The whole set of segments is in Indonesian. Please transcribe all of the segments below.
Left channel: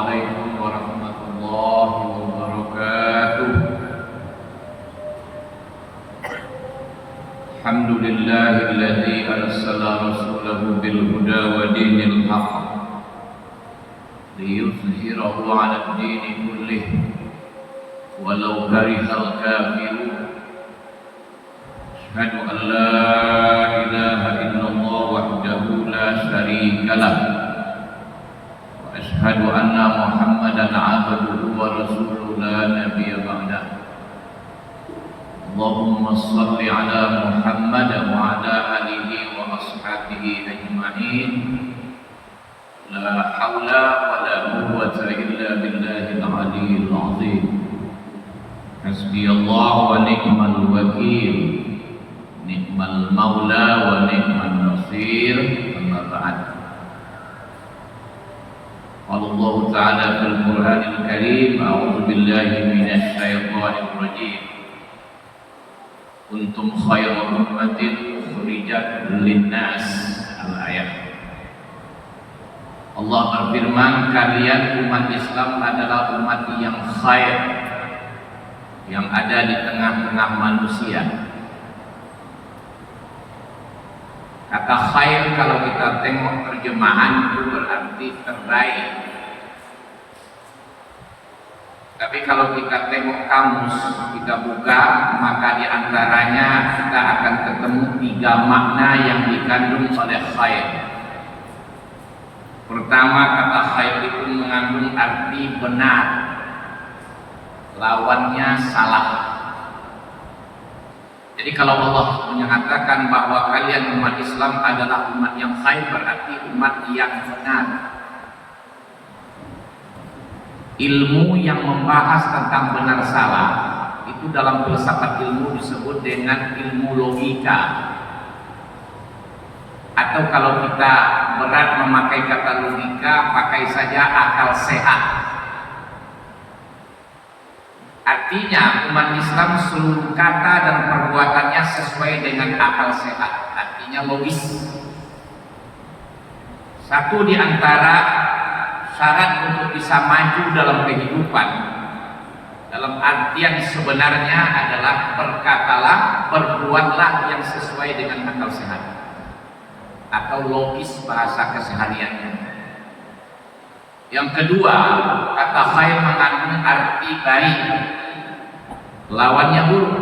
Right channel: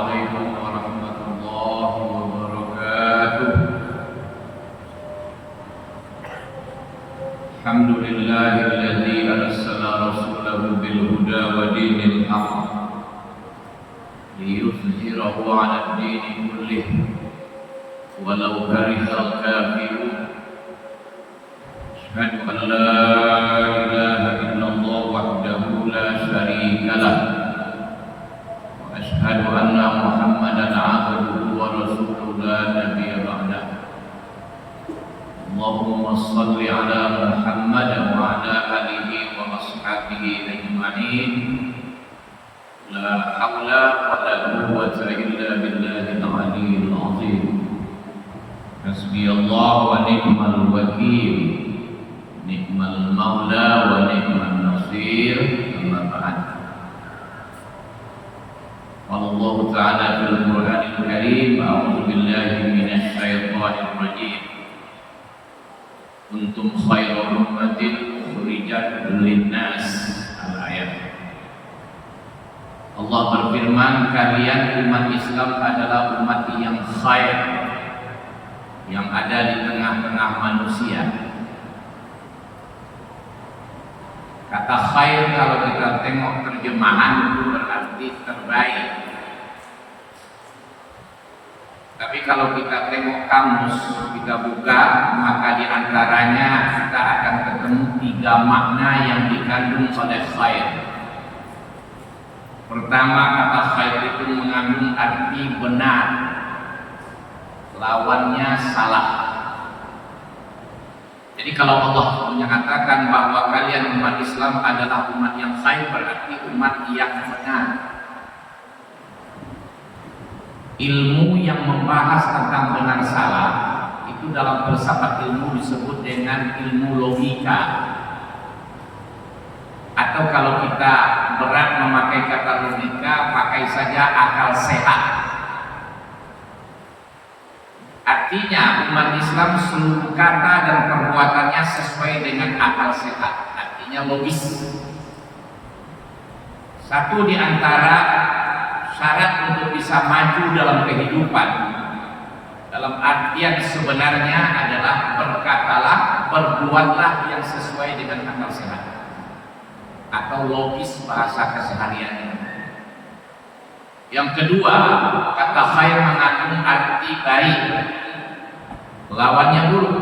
عليكم ورحمة الله وبركاته. الحمد لله الذي أرسل رسوله بالهدى ودين الحق ليظهره على الدين كله ولو كره الكافرون. أشهد أن لا إله إلا الله وحده لا شريك له وأشهد أن محمدا عبده ورسوله لا نبي بعده. اللهم صل على محمد وعلى آله وأصحابه أجمعين. لا حول ولا قوة إلا بالله العلي العظيم. حسبي الله ونعم الوكيل، نعم المولى ونعم النصير. أما بعد، قال الله تعالى في القرآن الكريم: أعوذ بالله من الشيطان الرجيم. Kuntum khairu ummatin ukhrijat linnas. Al-ayat. Allah berfirman, kalian umat Islam adalah umat yang khair, yang ada di tengah-tengah manusia. Kata khair kalau kita tengok terjemahan itu berarti terbaik. Tapi kalau kita tengok kamus, kita buka, maka di antaranya kita akan ketemu 3 makna yang dikandung oleh khair. Pertama, kata khair itu mengandung arti benar, lawannya salah. Jadi kalau Allah menyatakan bahwa kalian umat Islam adalah umat yang khair, berarti umat yang benar. Ilmu yang membahas tentang benar salah itu dalam filsafat ilmu disebut dengan ilmu logika. Atau kalau kita berat memakai kata logika, pakai saja akal sehat. Artinya umat Islam seluruh kata dan perbuatannya sesuai dengan akal sehat, artinya logis. Satu di antara syarat untuk bisa maju dalam kehidupan, dalam artian sebenarnya adalah berkatalah, berbuatlah yang sesuai dengan akal sehat atau logis bahasa kesehariannya. Yang kedua, kata khair mengandung arti baik, lawannya buruk.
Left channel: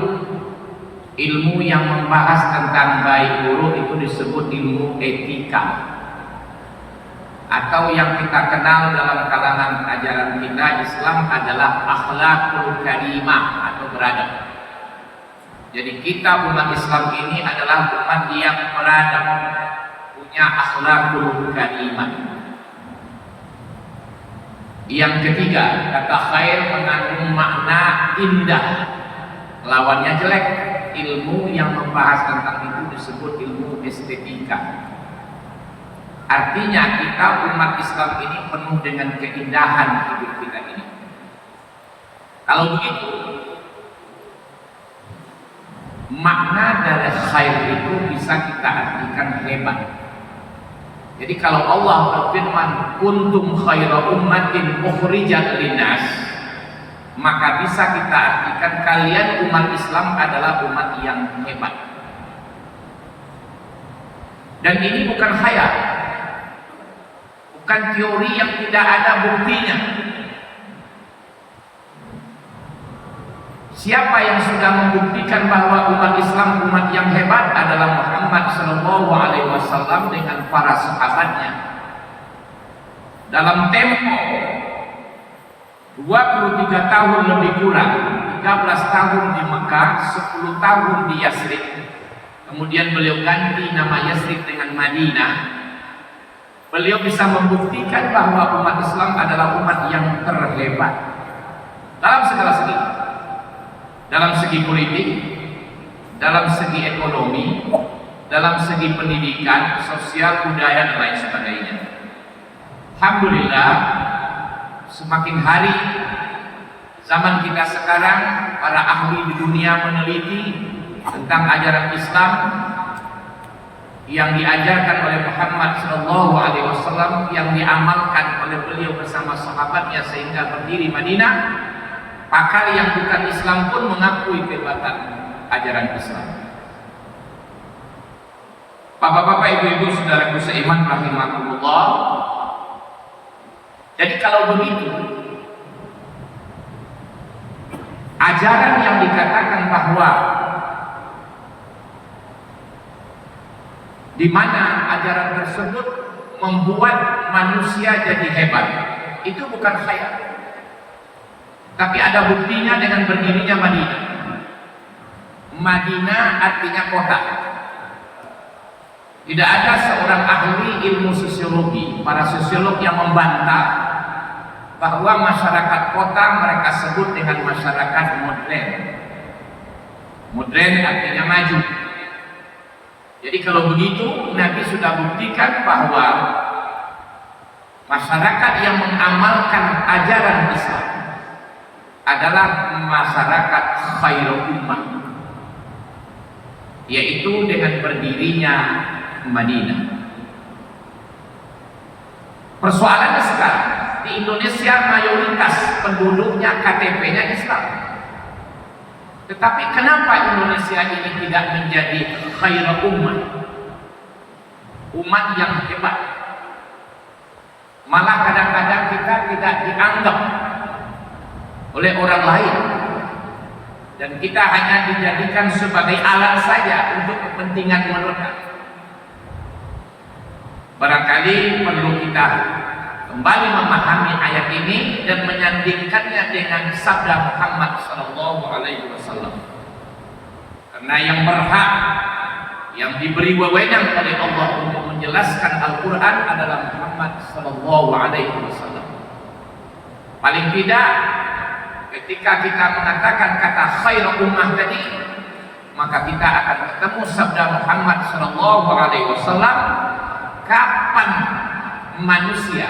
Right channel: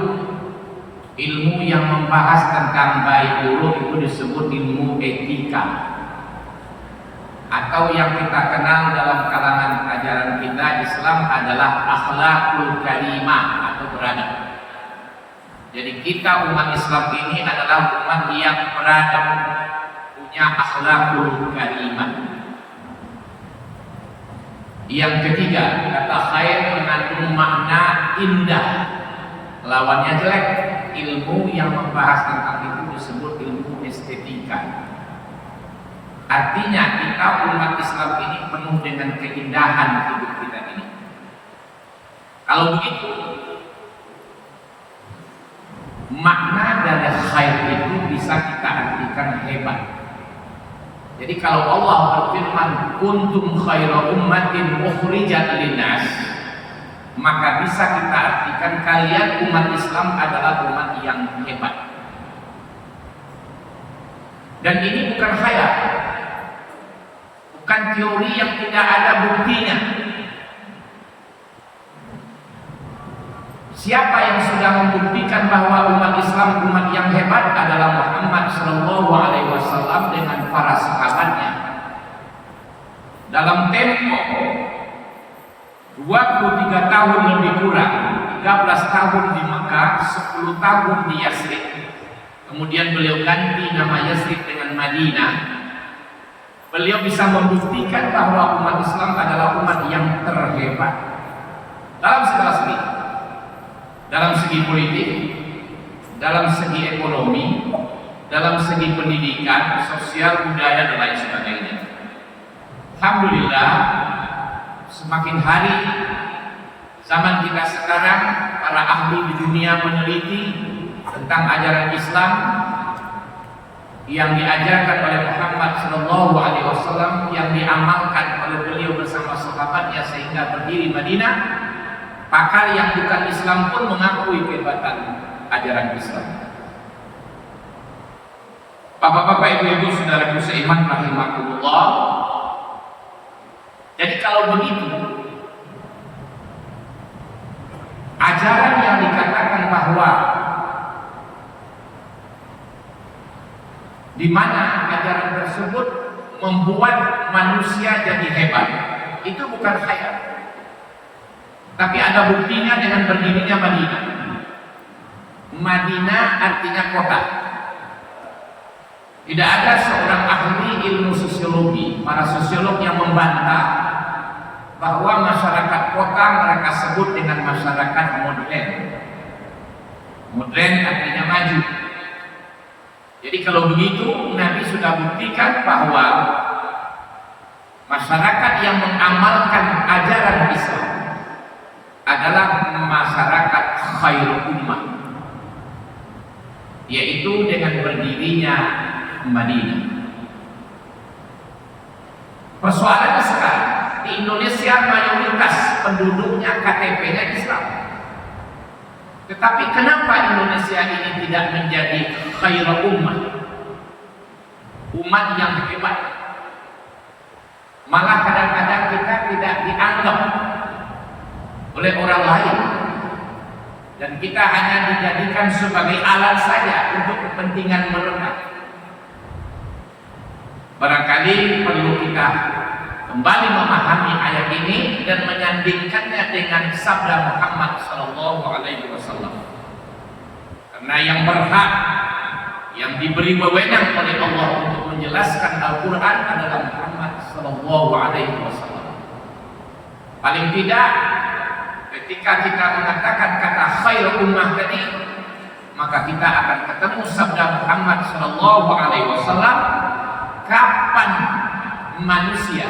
Ilmu yang membahas tentang baik buruk itu disebut ilmu etika, atau yang kita kenal dalam kalangan ajaran kita Islam adalah akhlakul karimah atau beradab. Jadi kita umat Islam ini adalah umat yang beradab, punya akhlakul karimah. Yang ketiga, kata khair mengandung makna indah, lawannya jelek. Ilmu yang membahas tentang itu disebut ilmu estetika. Artinya kita umat Islam ini penuh dengan keindahan hidup kita ini. Kalau begitu, makna dari khair itu bisa kita artikan hebat. Jadi kalau Allah berfirman kuntum khairu ummatin ukhrijat linnas, maka bisa kita artikan kalian umat Islam adalah umat yang hebat. Dan ini bukan khayal, bukan teori yang tidak ada buktinya. Siapa yang sudah membuktikan bahwa umat Islam umat yang hebat adalah Muhammad SAW dengan para sahabatnya. Dalam tempo 23 tahun lebih kurang, 13 tahun di Makkah, 10 tahun di Yasrib. Kemudian beliau ganti nama Yasrib dengan Madinah. Beliau bisa membuktikan bahwa umat Islam adalah umat yang terhebat dalam segala segi, dalam segi politik, dalam segi ekonomi, dalam segi pendidikan, sosial, budaya, dan lain sebagainya. Alhamdulillah, semakin hari zaman kita sekarang, para ahli di dunia meneliti tentang ajaran Islam, yang diajarkan oleh Muhammad Sallallahu Alaihi Wasallam, yang diamalkan oleh beliau bersama sahabatnya sehingga berdiri Madinah, pakar yang bukan Islam pun mengakui kehebatan ajaran Islam. Bapak-bapak, ibu-ibu, saudaraku seiman rahimakumullah. Jadi kalau begitu, ajaran yang dikatakan bahwa di mana ajaran tersebut membuat manusia jadi hebat, itu bukan khayal, tapi ada buktinya dengan berdirinya Madinah. Madinah artinya kota. Tidak ada seorang ahli ilmu sosiologi, para sosiolog yang membantah bahwa masyarakat kota mereka sebut dengan masyarakat modern. Modern artinya maju. Jadi kalau begitu, Nabi sudah buktikan bahwa masyarakat yang mengamalkan ajaran Islam adalah masyarakat khairul ummah, yaitu dengan berdirinya Madinah. Persoalannya sekarang di Indonesia mayoritas penduduknya KTP-nya Islam. Tetapi kenapa Indonesia ini tidak menjadi khairul ummah, umat yang hebat? Malah kadang-kadang kita tidak dianggap oleh orang lain, dan kita hanya dijadikan sebagai alat saja untuk kepentingan mereka. Barangkali perlu kita kembali memahami ayat ini dan menyandingkannya dengan sabda Muhammad Sallallahu Alaihi Wasallam. Karena yang berhak, yang diberi wewenang oleh Allah untuk menjelaskan Al-Quran adalah Muhammad Sallallahu Alaihi Wasallam. Paling tidak, ketika kita mengatakan kata khairul ummah tadi, maka kita akan ketemu sabda Muhammad Sallallahu Alaihi Wasallam. Kapan manusia,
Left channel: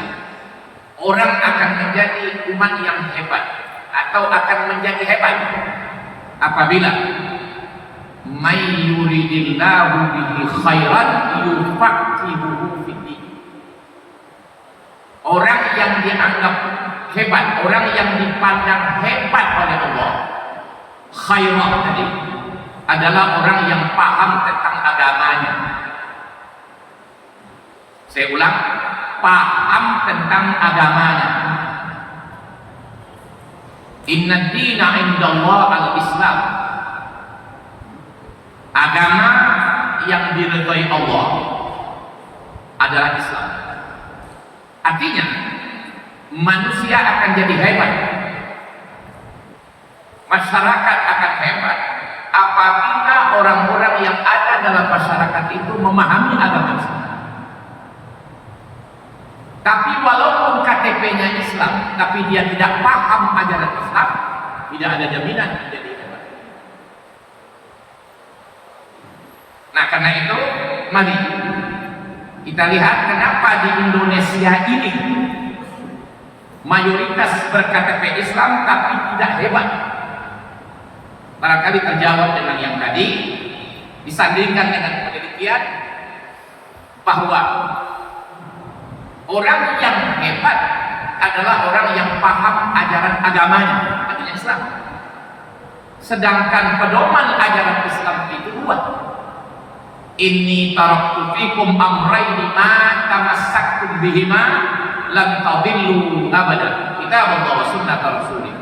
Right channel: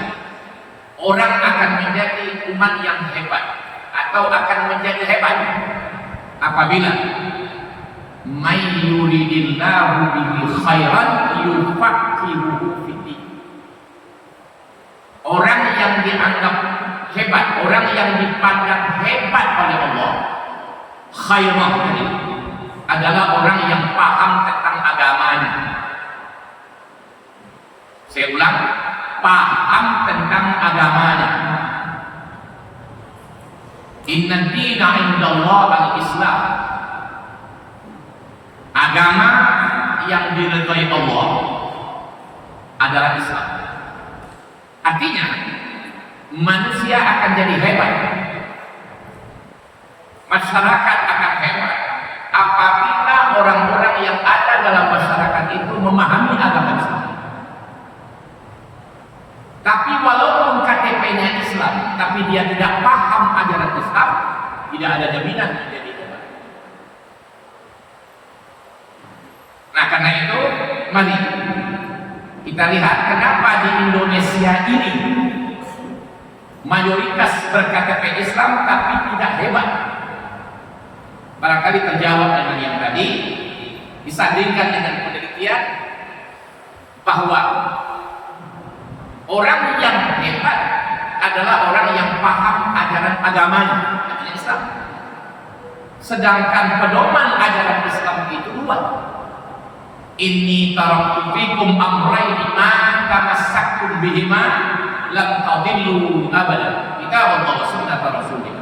orang akan menjadi umat yang hebat atau akan menjadi hebat? Apabila may yuridillahu bihi khairan yufaqihuhu fiddin. Orang yang dianggap hebat, orang yang dipandang hebat oleh Allah, khairan tadi adalah orang yang paham tentang agamanya. Saya ulang, paham tentang agamanya. Inna dina indallah al-Islam. Agama yang diridhai Allah adalah Islam. Artinya manusia akan jadi hebat, masyarakat akan hebat apabila orang-orang yang ada dalam masyarakat itu memahami agama Islam. Tapi walaupun KTP-nya Islam, tapi dia tidak paham ajaran Islam, tidak ada jaminan menjadi hebat. Nah, karena itu mari kita lihat kenapa di Indonesia ini mayoritas ber-KTP Islam tapi tidak hebat. Barangkali terjawab dengan yang tadi, disandingkan dengan penelitian bahwa orang yang hebat adalah orang yang paham ajaran agamanya, artinya Islam. Sedangkan pedoman ajaran Islam itu dua. Inni taraktu fikum amrayni ma tamassaktum bihima lan tadillu abadan. Kitab Allah wa sunnah Rasulih.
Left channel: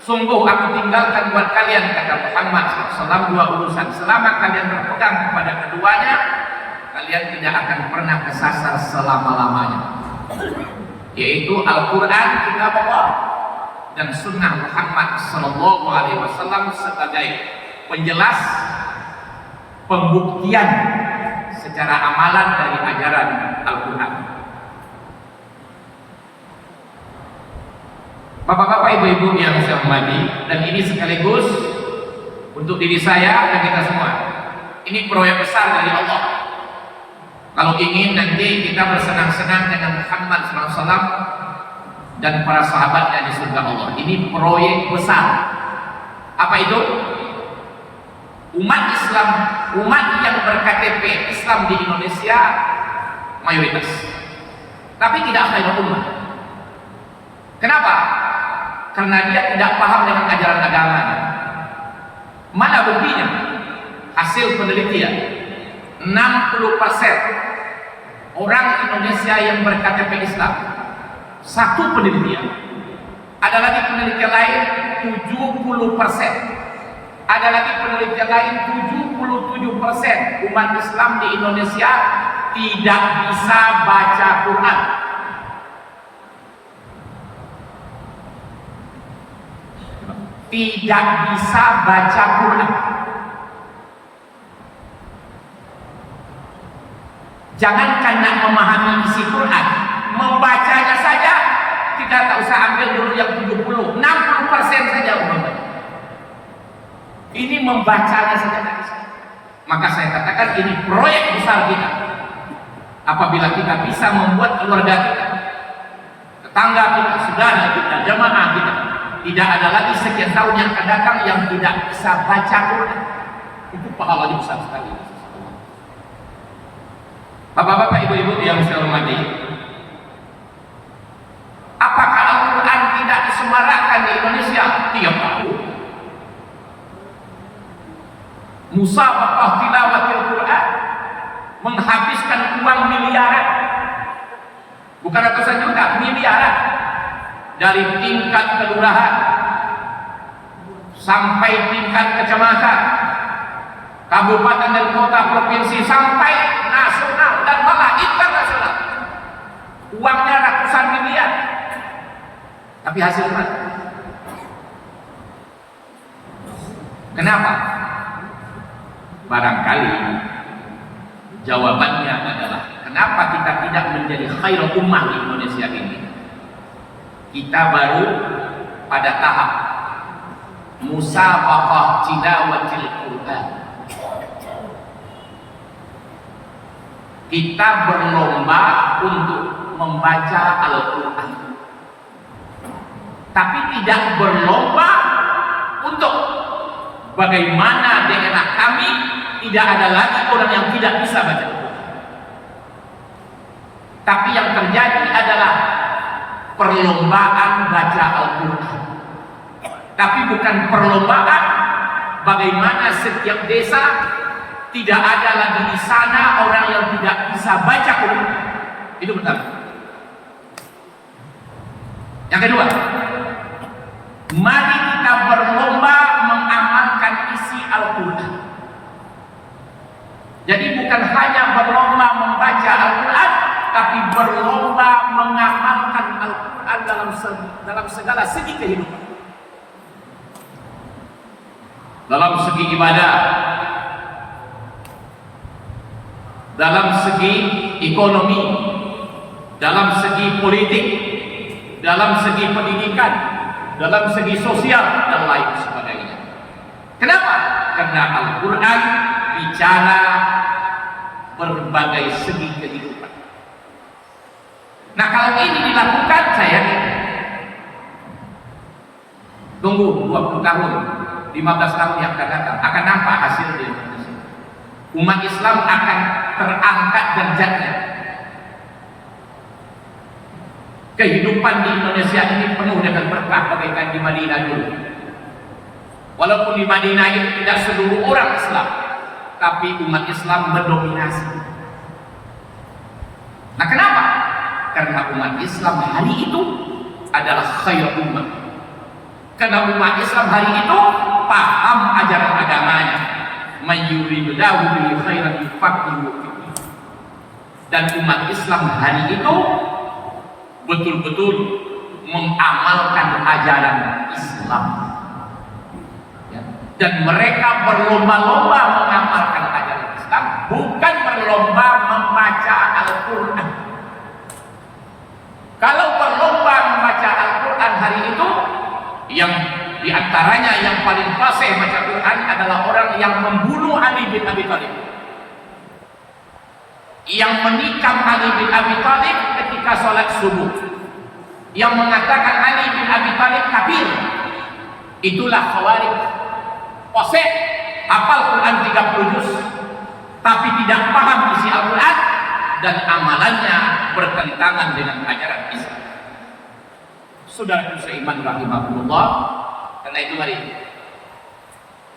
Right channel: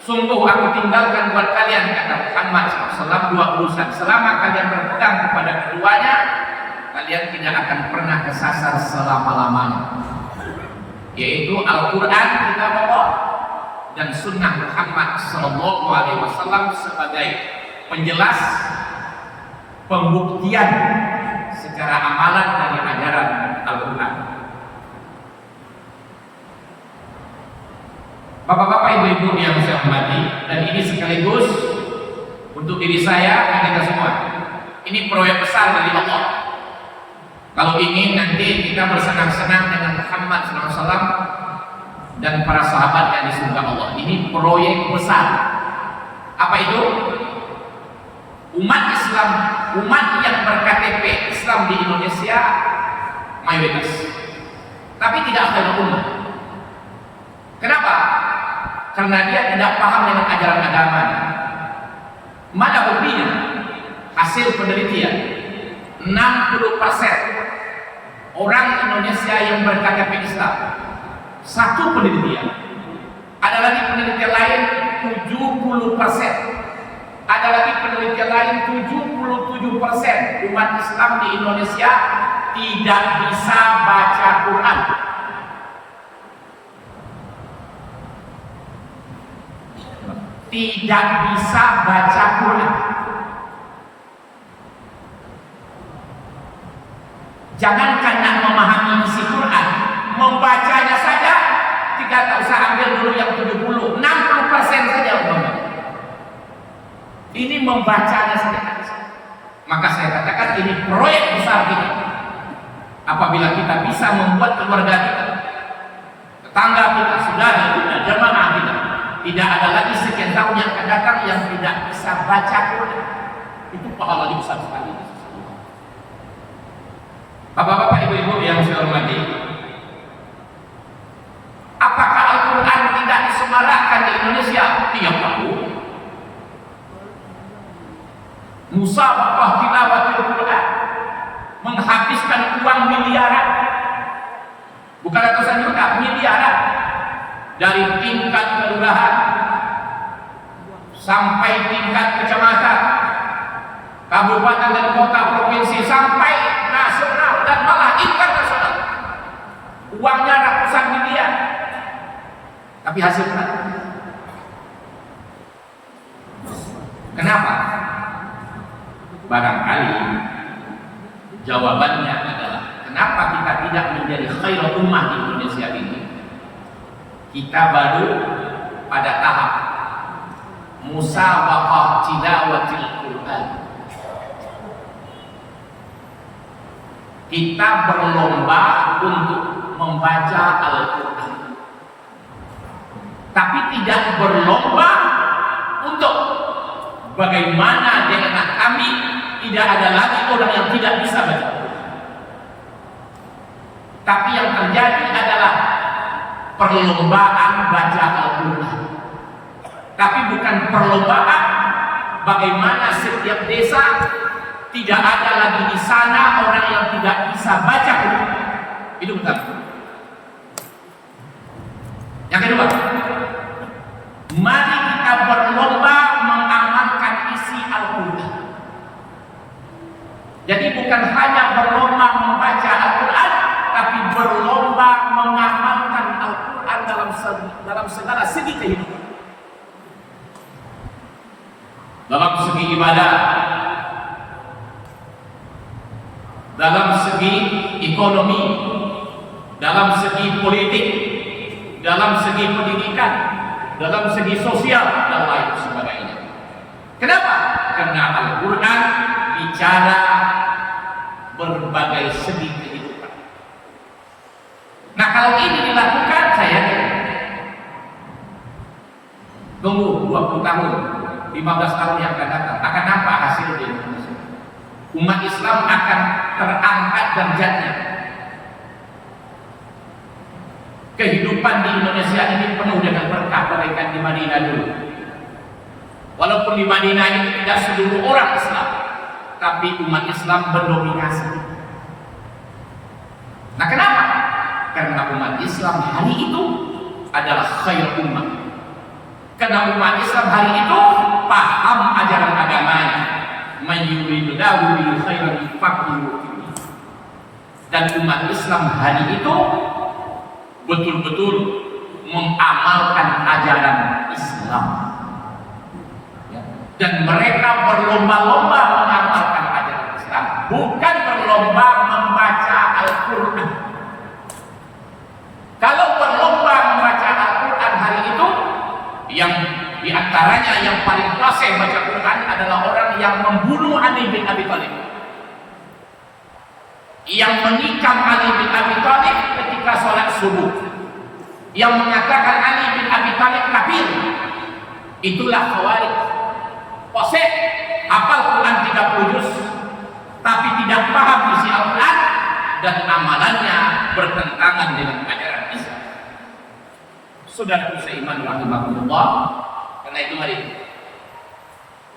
Sungguh aku tinggalkan buat kalian, kata Muhammad SAW, dua urusan. Selama kalian berpegang kepada keduanya, kalian tidak akan pernah kesasar selama-lamanya, yaitu Al-Quran, kitab Allah, dan sunnah Muhammad Sallallahu Alaihi Wasallam sebagai penjelas, pembuktian secara amalan dari ajaran Al-Quran. Bapak-bapak, ibu-ibu yang saya hormati, dan ini sekaligus untuk diri saya dan kita semua, ini proyek besar dari Allah. Kalau ingin nanti kita bersenang-senang dengan Muhammad SAW dan para sahabatnya di surga Allah. Ini proyek besar. Apa itu? Umat Islam, umat yang berKTP Islam di Indonesia mayoritas, tapi tidak khairul ummah. Kenapa? Karena dia tidak paham dengan ajaran agamanya. Mana buktinya? Hasil penelitian, 60% orang Indonesia yang berKTP Islam. Satu penelitian. Ada lagi penelitian lain 70%. Ada lagi penelitian lain 77% umat Islam di Indonesia tidak bisa baca Quran. Tidak bisa baca Quran. Jangan karena memahami isi Quran, membacanya saja tidak, tak usah ambil dulu yang 70, 60% saja membaca. Ini membacanya saja. Maka saya katakan ini proyek besar kita. Apabila kita bisa membuat keluarga kita, tetangga kita, saudara kita, jamaah kita, tidak ada lagi sekian tahun yang akan datang yang tidak bisa baca Quran, itu pahalanya besar sekali. Bapak-bapak, ibu-ibu yang saya hormati, apakah Al-Quran tidak disemarakkan di Indonesia tiap tahun? Musabaqah tilawatil Quran menghabiskan uang miliaran, bukan ratusan juta, miliaran, dari tingkat kelurahan sampai tingkat kecamatan, kabupaten dan kota, provinsi, sampai nasional dan malah internasional. Uangnya ratusan miliar, tapi hasilnya kenapa? Barangkali jawabannya adalah kenapa kita tidak menjadi khairul ummah di Indonesia ini. Kita baru pada tahap musabaqah tilawatil Quran. Kita berlomba untuk membaca Al-Quran, tapi tidak berlomba untuk bagaimana daerah kami tidak ada lagi orang yang tidak bisa baca Al-Quran. Tapi yang terjadi adalah perlombaan baca Al-Quran, tapi bukan perlombaan bagaimana setiap desa tidak ada lagi di sana orang yang tidak bisa baca Quran. Itu benar. Yang kedua, mari kita berlomba mengamalkan isi Al-Quran. Jadi bukan hanya berlomba membaca Al-Quran, tapi berlomba mengamalkan Al-Quran dalam segala segi kehidupan. Dalam segi ibadah, dalam segi ekonomi, dalam segi politik, dalam segi pendidikan, dalam segi sosial, dan lain sebagainya. Kenapa? Karena Al-Quran bicara berbagai segi kehidupan. Nah, kalau ini dilakukan, saya tunggu 20 tahun, 15 tahun yang akan datang, akan nampak hasil di Indonesia. Umat Islam akan terangkat derajatnya. Kehidupan di Indonesia ini penuh dengan berkah bagaikan di Madinah dulu. Walaupun di Madinah itu tidak seluruh orang Islam, tapi umat Islam mendominasi. Nah, kenapa? Karena umat Islam hari itu adalah khairul ummah. Karena umat Islam hari itu paham ajaran agamanya. Mayyuridillahu bihi khairan yufaqihu fiddin. Dan umat Islam hari itu betul-betul mengamalkan ajaran Islam. Ya. Dan mereka berlomba-lomba mengamalkan ajaran Islam, bukan berlomba membaca Al-Quran. Kalau berlomba membaca Al-Quran hari itu, yang diantaranya yang paling fasih baca Quran adalah orang yang membunuh Ali bin Abi Thalib, yang menikam Ali bin Abi Thalib ketika sholat subuh, yang mengatakan Ali bin Abi Thalib kafir. Itulah Khawarij. Fasih hafal Quran 30 juz, tapi tidak paham isi Al-Quran dan amalannya bertentangan dengan ajaran Islam. Saudaraku seiman rahimahullah, karena itu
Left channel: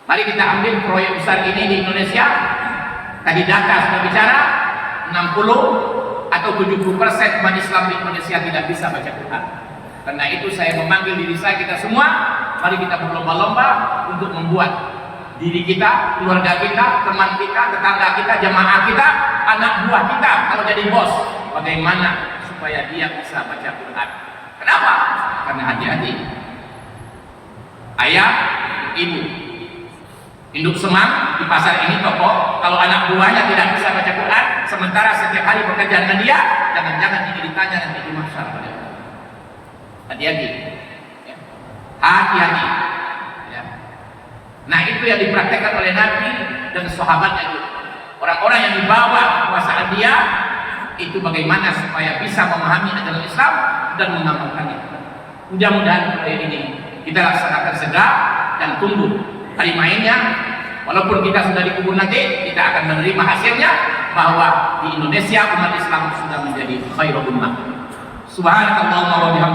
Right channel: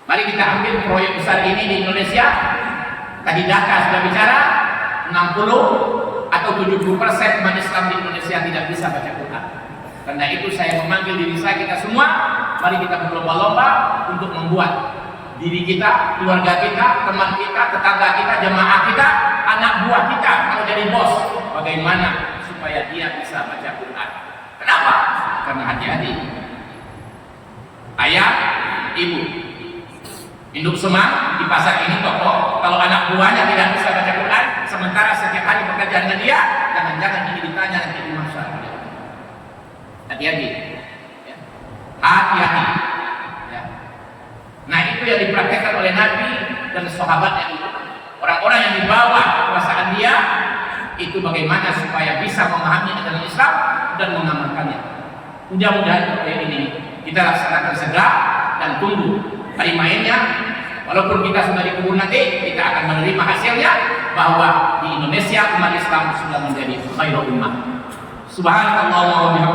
mari kita ambil proyek besar ini di Indonesia. Tadi data sudah bicara 60 atau 70% umat Islam di Indonesia tidak bisa baca Quran. Karena itu saya memanggil diri saya, kita semua, mari kita berlomba-lomba untuk membuat diri kita, keluarga kita, teman kita, tetangga kita, jamaah kita, anak buah kita kalau jadi bos, bagaimana supaya dia bisa baca Quran. Kenapa? Karena hati-hati. Ayah, ibu, induk semang di pasar ini toko, kalau anak buahnya tidak bisa baca Quran, sementara setiap hari bekerja dengan dia, jangan-jangan ini ditanya nanti di mahsyar. Hati-hati. Ya. Hati-hati. Ya. Nah, itu yang dipraktekkan oleh Nabi dan sahabatnya itu. Orang-orang yang dibawa kekuasaan dia itu bagaimana supaya bisa memahami ajaran Islam dan mengamalkannya. Mudah-mudahan proyek ini kita laksanakan segera dan tunggu hari mainnya. Walaupun kita sudah dikubur lagi, kita akan menerima hasilnya bahwa di Indonesia umat Islam sudah menjadi khairul ummah. Subhanallah wa bihamdihi.